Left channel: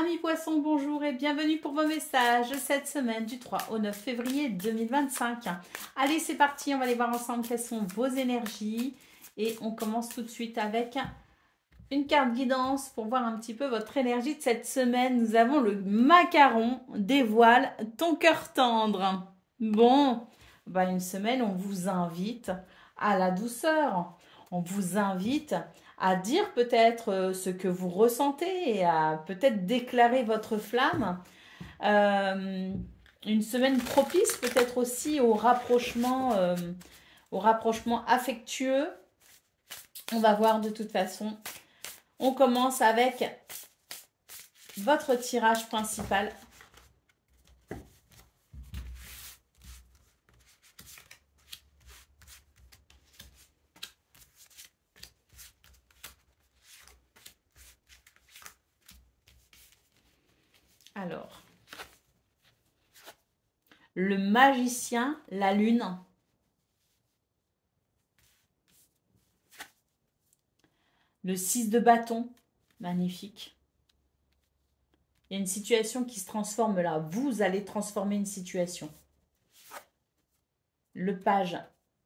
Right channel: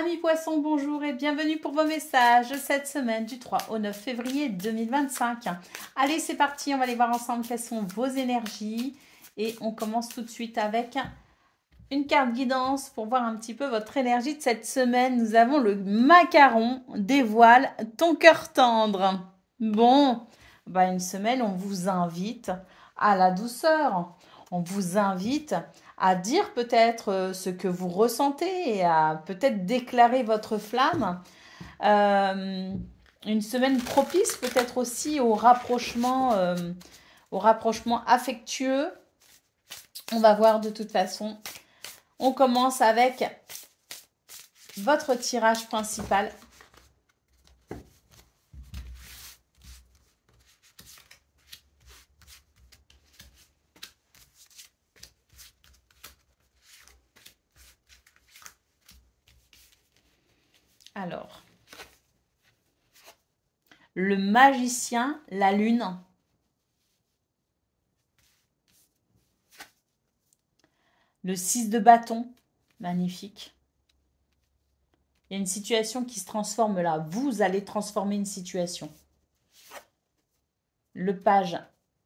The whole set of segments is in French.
Amis poissons, bonjour et bienvenue pour vos messages cette semaine du 3 au 9 février 2025. Allez, c'est parti, on va aller voir ensemble quelles sont vos énergies. Et on commence tout de suite avec une carte guidance pour voir un petit peu votre énergie de cette semaine. Nous avons le macaron, dévoile ton cœur tendre. Bon, une semaine, on vous invite à la douceur. On vous invite à dire peut-être ce que vous ressentez et à peut-être déclarer votre flamme. Une semaine propice peut-être aussi au rapprochement affectueux. On va voir de toute façon. On commence avec votre tirage principal. Alors, le magicien, la lune. Le 6 de bâton, magnifique. Il y a une situation qui se transforme là. Vous allez transformer une situation. Le page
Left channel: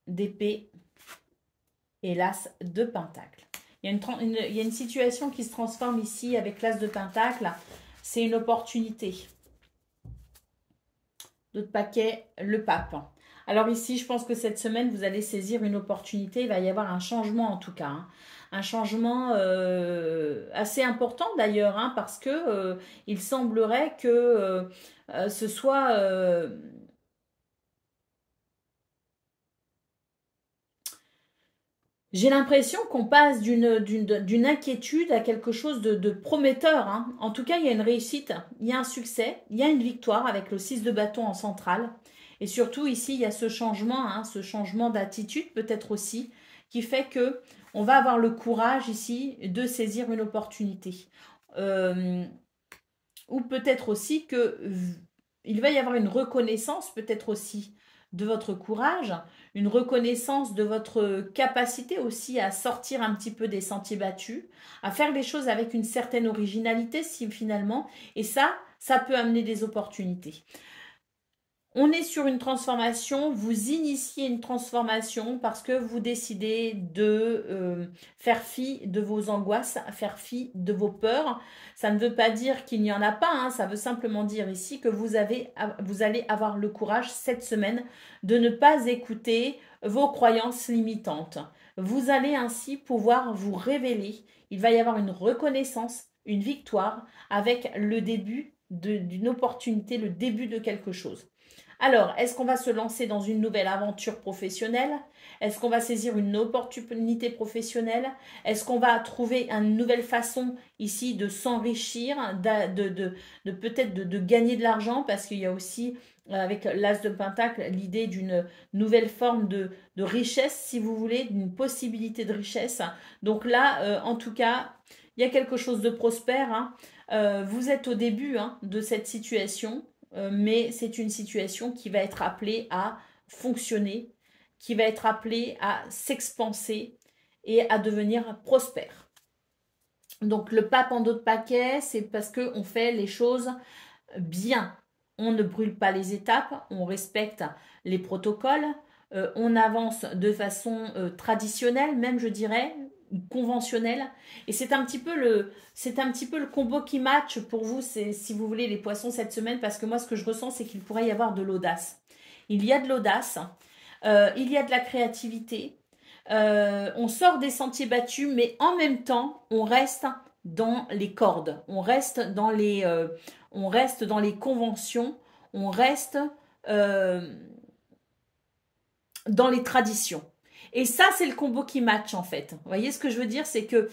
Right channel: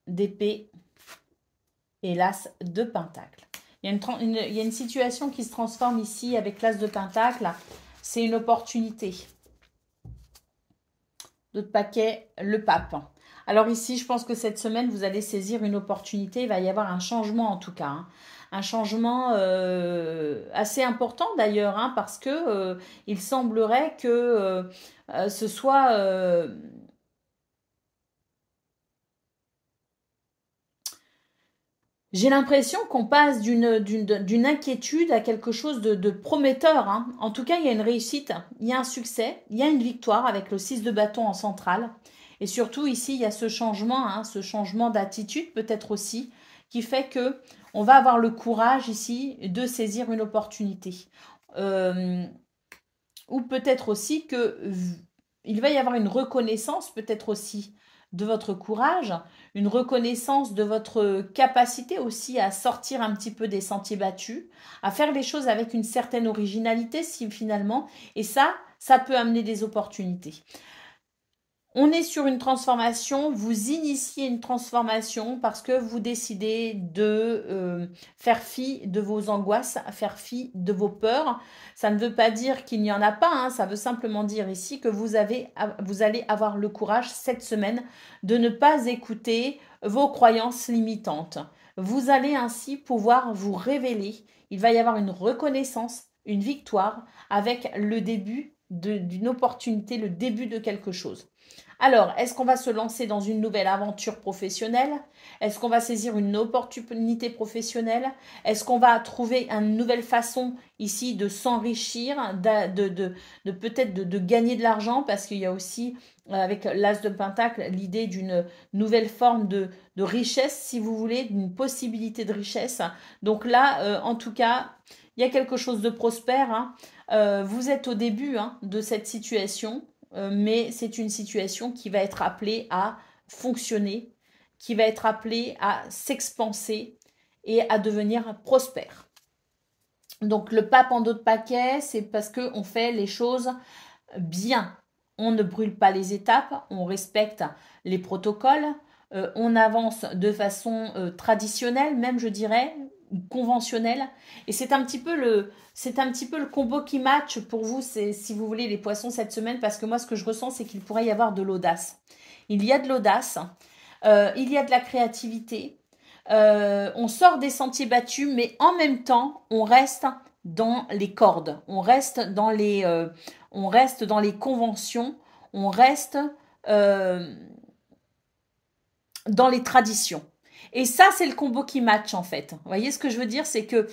d'épée et l'as de pentacle. Il y a une situation qui se transforme ici avec l'as de pentacle. C'est une opportunité. D'autres paquets, le pape. Alors ici, je pense que cette semaine, vous allez saisir une opportunité. Il va y avoir un changement en tout cas. Un changement assez important d'ailleurs, parce que il semblerait que ce soit... J'ai l'impression qu'on passe d'une inquiétude à quelque chose de prometteur. En tout cas, il y a une réussite, il y a un succès, il y a une victoire avec le 6 de bâton en centrale. Et surtout, ici, il y a ce changement d'attitude peut-être aussi, qui fait que on va avoir le courage ici de saisir une opportunité. Ou peut-être aussi que il va y avoir une reconnaissance peut-être aussi de votre courage, une reconnaissance de votre capacité aussi à sortir un petit peu des sentiers battus, à faire les choses avec une certaine originalité si finalement, et ça peut amener des opportunités. On est sur une transformation, vous initiez une transformation parce que vous décidez de faire fi de vos angoisses, faire fi de vos peurs. Ça ne veut pas dire qu'il n'y en a pas, ça veut simplement dire ici que vous allez avoir le courage cette semaine de ne pas écouter vos croyances limitantes. Vous allez ainsi pouvoir vous révéler. Il va y avoir une reconnaissance, une victoire avec le début d'une opportunité, le début de quelque chose. Alors, est-ce qu'on va se lancer dans une nouvelle aventure professionnelle? Est-ce qu'on va saisir une opportunité professionnelle? Est-ce qu'on va trouver une nouvelle façon ici de s'enrichir, peut-être de gagner de l'argent? Parce qu'il y a aussi, avec l'as de pentacle, l'idée d'une nouvelle forme de richesse, si vous voulez, d'une possibilité de richesse. Donc là, en tout cas, il y a quelque chose de prospère. Vous êtes au début de cette situation. Mais c'est une situation qui va être appelée à fonctionner, qui va être appelée à s'expanser et à devenir prospère. Donc le pape en d'autres paquets, c'est parce qu'on fait les choses bien. On ne brûle pas les étapes, on respecte les protocoles, on avance de façon traditionnelle, même je dirais, conventionnelle. Et c'est un petit peu le combo qui match pour vous, si vous voulez, les poissons cette semaine, parce que moi, ce que je ressens, c'est qu'il pourrait y avoir de l'audace. Il y a de l'audace, il y a de la créativité, on sort des sentiers battus, mais en même temps, on reste dans les cordes, on reste dans les conventions, on reste dans les traditions. Et ça, c'est le combo qui match en fait. Vous voyez ce que je veux dire? C'est que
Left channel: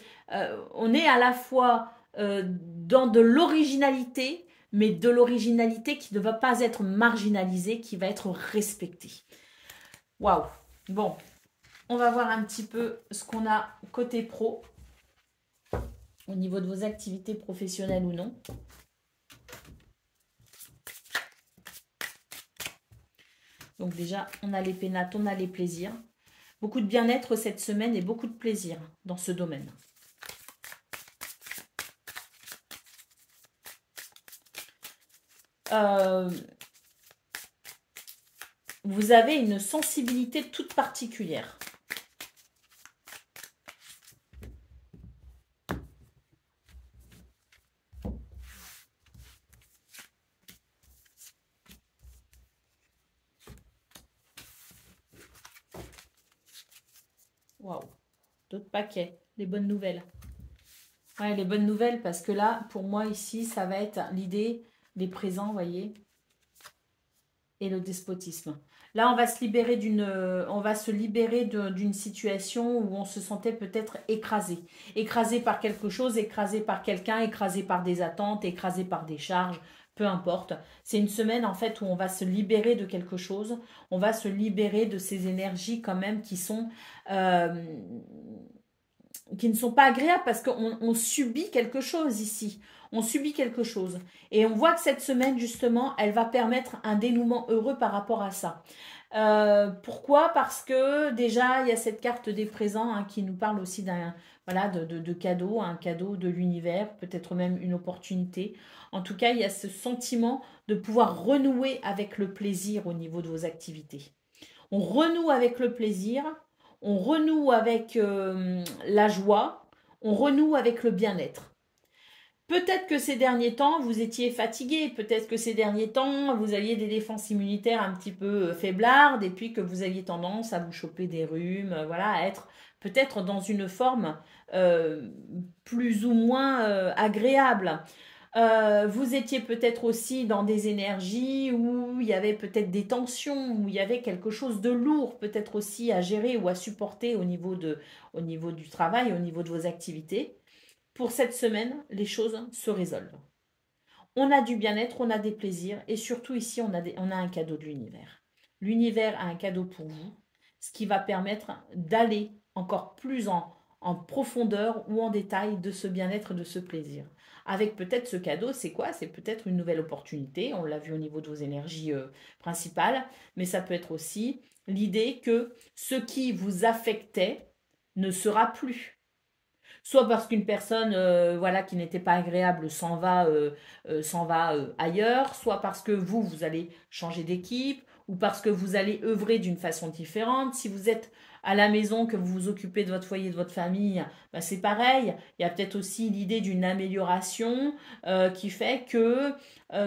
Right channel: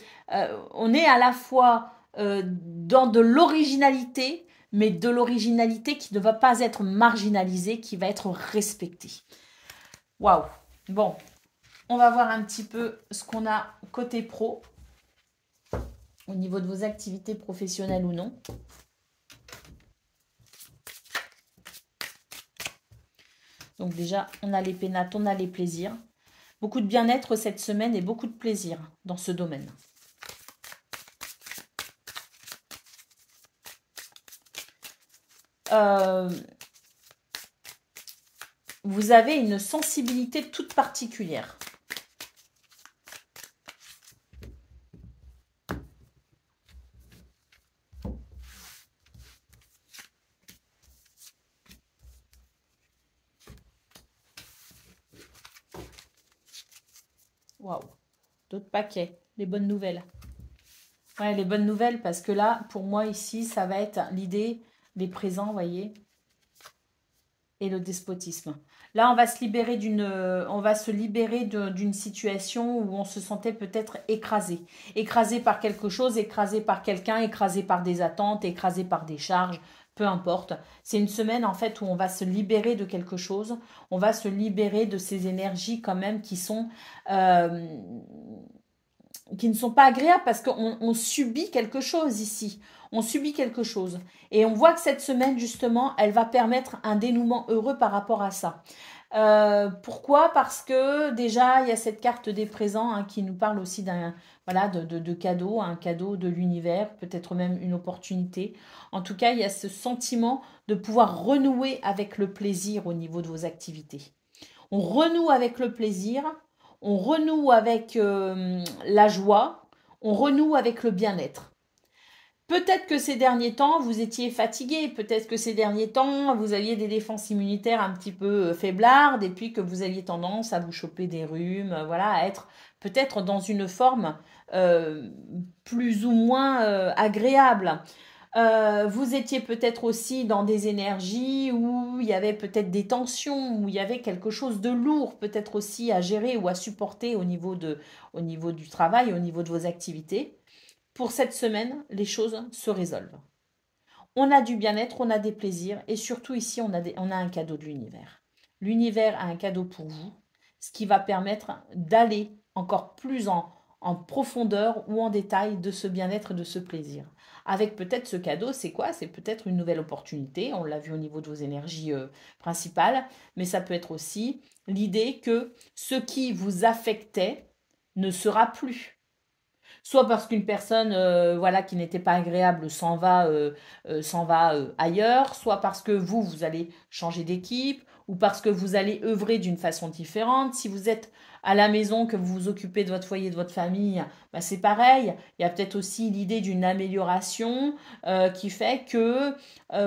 on est à la fois dans de l'originalité, mais de l'originalité qui ne va pas être marginalisée, qui va être respectée. Waouh! Bon, on va voir un petit peu ce qu'on a côté pro, au niveau de vos activités professionnelles ou non. Donc déjà, on a les pénates, on a les plaisirs. Beaucoup de bien-être cette semaine et beaucoup de plaisir dans ce domaine. euh, vous avez une sensibilité toute particulière. Waouh, d'autres paquets, les bonnes nouvelles. Ouais, les bonnes nouvelles, parce que là, pour moi, ici, ça va être l'idée des présents, vous voyez, et le despotisme. Là, on va se libérer d'une situation où on se sentait peut-être écrasé. Écrasé par quelque chose, écrasé par quelqu'un, écrasé par des attentes, écrasé par des charges, peu importe. C'est une semaine, en fait, où on va se libérer de quelque chose. On va se libérer de ces énergies, quand même, euh, qui ne sont pas agréables parce qu'on subit quelque chose ici. On subit quelque chose. Et on voit que cette semaine, justement, elle va permettre un dénouement heureux par rapport à ça. Pourquoi? Parce que déjà, il y a cette carte des présents hein, qui nous parle aussi de cadeau, un cadeau de l'univers, peut-être même une opportunité. En tout cas, il y a ce sentiment de pouvoir renouer avec le plaisir au niveau de vos activités. On renoue avec le plaisir, on renoue avec la joie, on renoue avec le bien-être. Peut-être que ces derniers temps, vous étiez fatigué, peut-être que ces derniers temps, vous aviez des défenses immunitaires un petit peu faiblardes et puis que vous aviez tendance à vous choper des rhumes, voilà, à être peut-être dans une forme euh, plus ou moins agréable. Vous étiez peut-être aussi dans des énergies où il y avait peut-être des tensions, où il y avait quelque chose de lourd peut-être aussi à gérer ou à supporter au niveau du travail, au niveau de vos activités. Pour cette semaine, les choses se résolvent. On a du bien-être, on a des plaisirs et surtout ici, on a un cadeau de l'univers. L'univers a un cadeau pour vous, ce qui va permettre d'aller encore plus en profondeur ou en détail de ce bien-être, de ce plaisir. Avec peut-être ce cadeau, c'est quoi? C'est peut-être une nouvelle opportunité, on l'a vu au niveau de vos énergies principales, mais ça peut être aussi l'idée que ce qui vous affectait ne sera plus. Soit parce qu'une personne voilà, qui n'était pas agréable s'en va ailleurs, soit parce que vous allez changer d'équipe, ou parce que vous allez œuvrer d'une façon différente. Si vous êtes à la maison, que vous vous occupez de votre foyer, de votre famille, bah c'est pareil. Il y a peut-être aussi l'idée d'une amélioration qui fait que,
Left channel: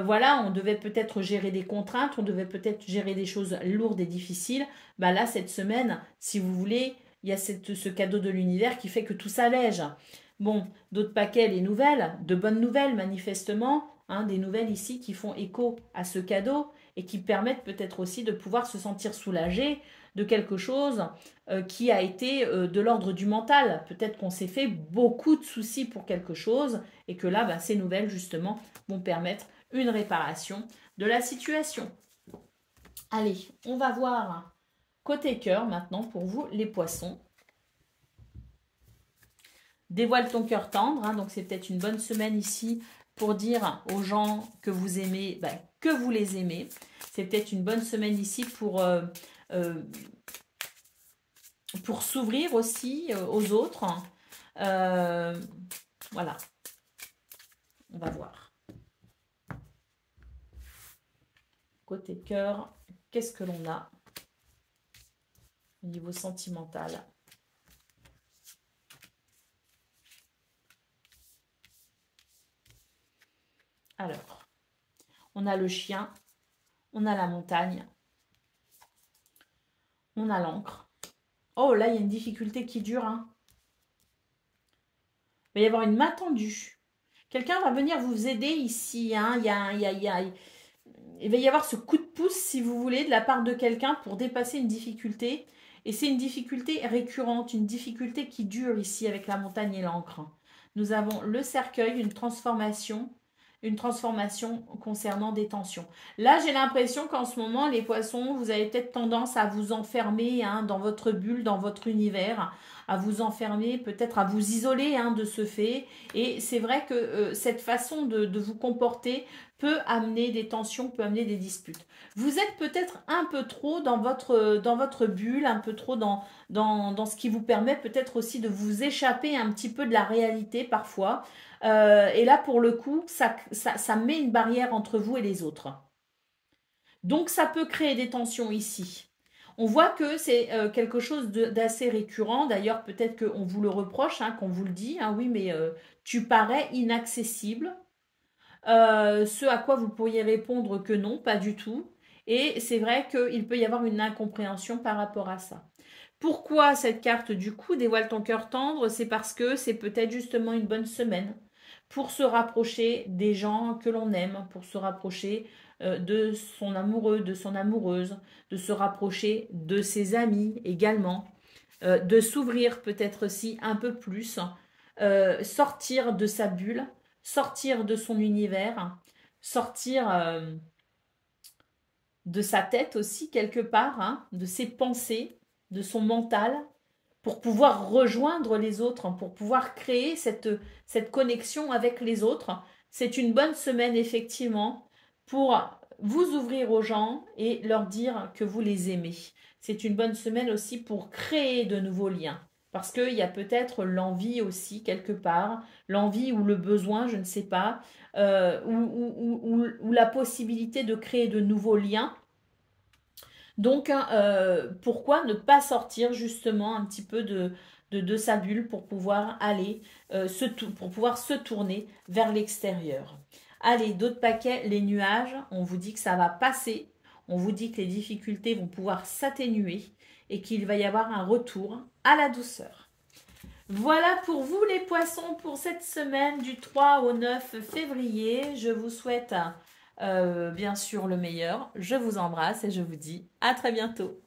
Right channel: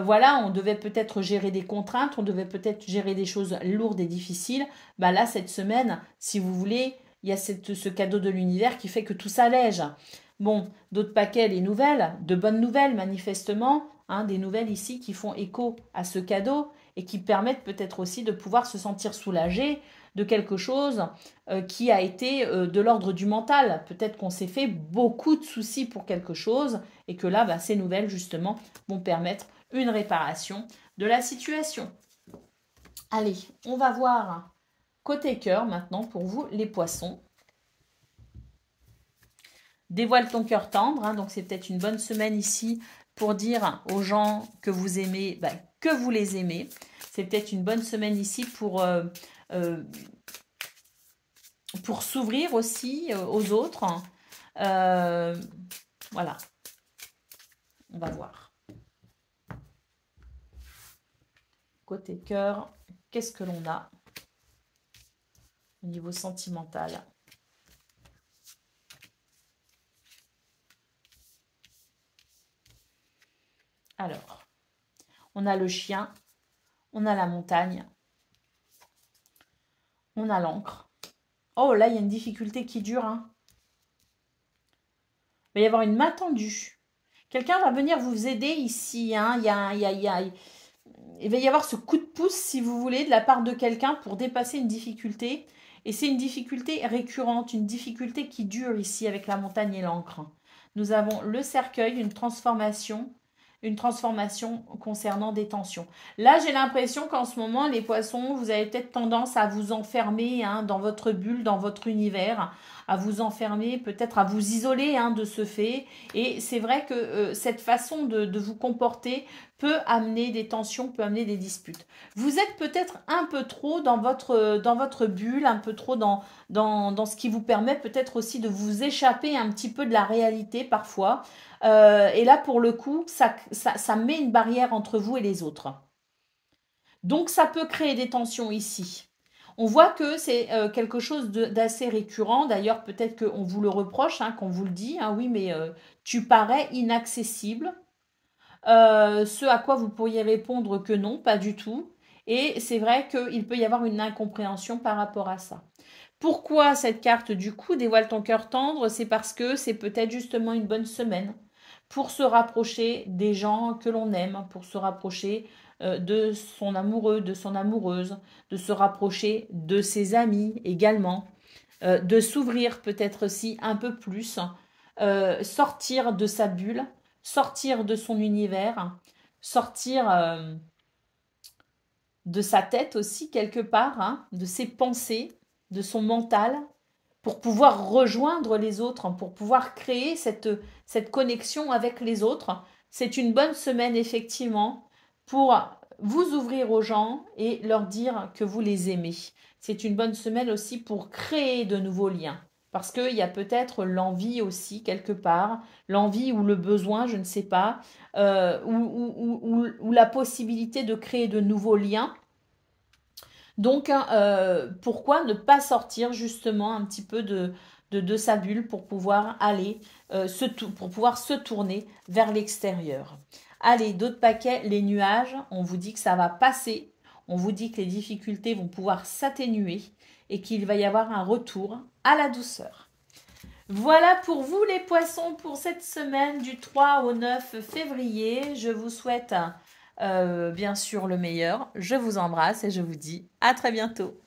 voilà, on devait peut-être gérer des contraintes, on devait peut-être gérer des choses lourdes et difficiles. Bah là, cette semaine, si vous voulez, il y a ce cadeau de l'univers qui fait que tout s'allège. Bon, d'autres paquets, les nouvelles, de bonnes nouvelles manifestement, hein, des nouvelles ici qui font écho à ce cadeau et qui permettent peut-être aussi de pouvoir se sentir soulagé de quelque chose qui a été de l'ordre du mental. Peut-être qu'on s'est fait beaucoup de soucis pour quelque chose et que là, bah, ces nouvelles justement vont permettre une réparation de la situation. Allez, on va voir côté cœur maintenant pour vous les poissons. Dévoile ton cœur tendre, hein, donc c'est peut-être une bonne semaine ici pour dire aux gens que vous aimez, bah, que vous les aimez. C'est peut-être une bonne semaine ici pour s'ouvrir aussi aux autres. Voilà, on va voir. Côté cœur, qu'est-ce que l'on a au niveau sentimental? Alors, on a le chien, on a la montagne, on a l'encre. Oh, là, il y a une difficulté qui dure. Hein. Il va y avoir une main tendue. Quelqu'un va venir vous aider ici. Hein. Il va y avoir ce coup de pouce, si vous voulez, de la part de quelqu'un pour dépasser une difficulté. Et c'est une difficulté récurrente, une difficulté qui dure ici avec la montagne et l'encre. Nous avons le cercueil, une transformation concernant des tensions. Là, j'ai l'impression qu'en ce moment, les poissons, vous avez peut-être tendance à vous enfermer hein, dans votre bulle, dans votre univers, à vous enfermer, peut-être à vous isoler de ce fait. Et c'est vrai que cette façon de vous comporter peut amener des tensions, peut amener des disputes. Vous êtes peut-être un peu trop dans votre bulle, un peu trop dans ce qui vous permet peut-être aussi de vous échapper un petit peu de la réalité parfois. Et là, pour le coup, ça met une barrière entre vous et les autres. Donc, ça peut créer des tensions ici. On voit que c'est quelque chose d'assez récurrent. D'ailleurs, peut-être qu'on vous le reproche, qu'on vous le dit. Oui, mais tu parais inaccessible. Ce à quoi vous pourriez répondre que non, pas du tout. Et c'est vrai qu'il peut y avoir une incompréhension par rapport à ça. Pourquoi cette carte du coup dévoile ton cœur tendre? C'est parce que c'est peut-être justement une bonne semaine pour se rapprocher des gens que l'on aime, pour se rapprocher de son amoureux, de son amoureuse, de se rapprocher de ses amis également, de s'ouvrir peut-être aussi un peu plus, sortir de sa bulle, sortir de son univers, sortir de sa tête aussi quelque part, de ses pensées, de son mental, pour pouvoir rejoindre les autres, pour pouvoir créer cette connexion avec les autres. C'est une bonne semaine effectivement pour vous ouvrir aux gens et leur dire que vous les aimez. C'est une bonne semaine aussi pour créer de nouveaux liens. Parce qu'il y a peut-être l'envie aussi quelque part, l'envie ou le besoin, je ne sais pas, ou la possibilité de créer de nouveaux liens. Donc, pourquoi ne pas sortir justement un petit peu de sa bulle pour pouvoir aller, pour pouvoir se tourner vers l'extérieur. Allez, d'autres paquets, les nuages, on vous dit que ça va passer, on vous dit que les difficultés vont pouvoir s'atténuer et qu'il va y avoir un retour à la douceur. Voilà pour vous les poissons pour cette semaine du 3 au 9 février. Je vous souhaite bien sûr le meilleur. Je vous embrasse et je vous dis à très bientôt.